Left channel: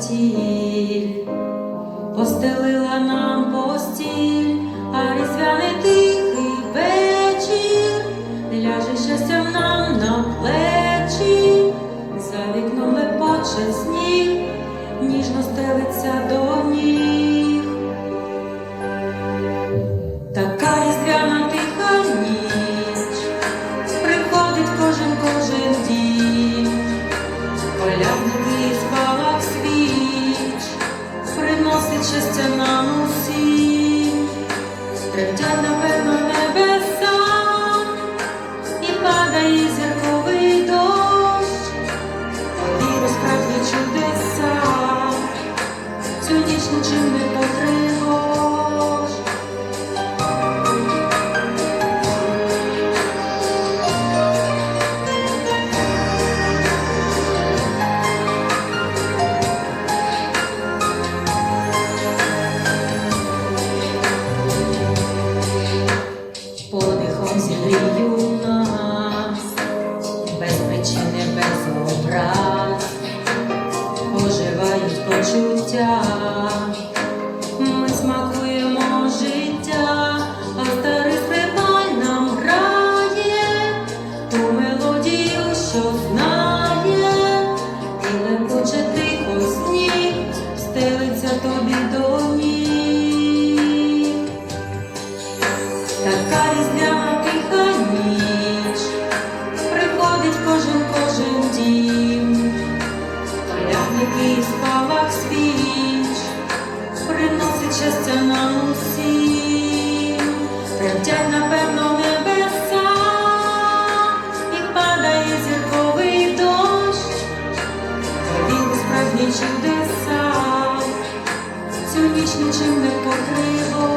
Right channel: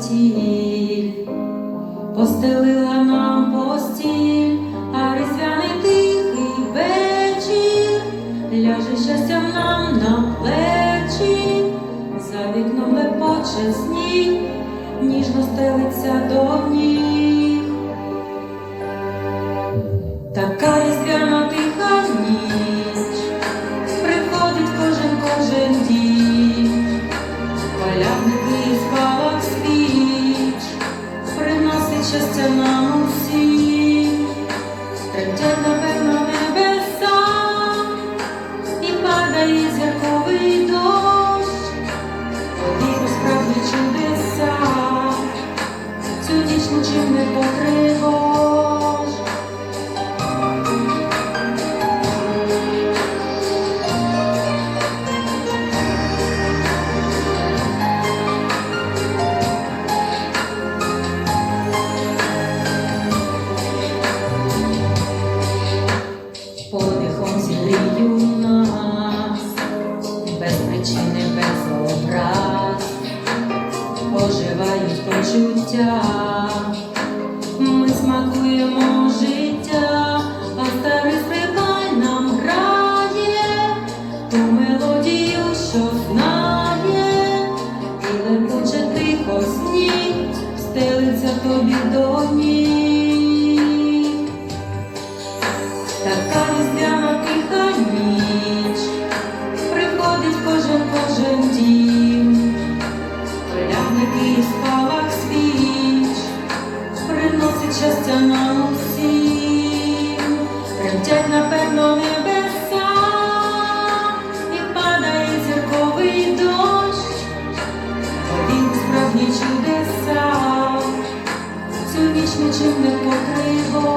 заметіль постелила нам постіль, а різдвяний тихий вечір. Ляже щастям нам на плечі, за вікном лепоче сніг, ніжно стелиться до ніг. Третя напевно небеса, і падає зірковий дощ, повіру справді чудеса, цю ніч нічим не покривош. Подихом нас, без причини, без образ, оживають почуття, ми смакуємо життя, а старий співай нам грає, ту мелодію, що знає, і лепоче тихо сніг, стелиться тобі до чудеса, нічим не покриво.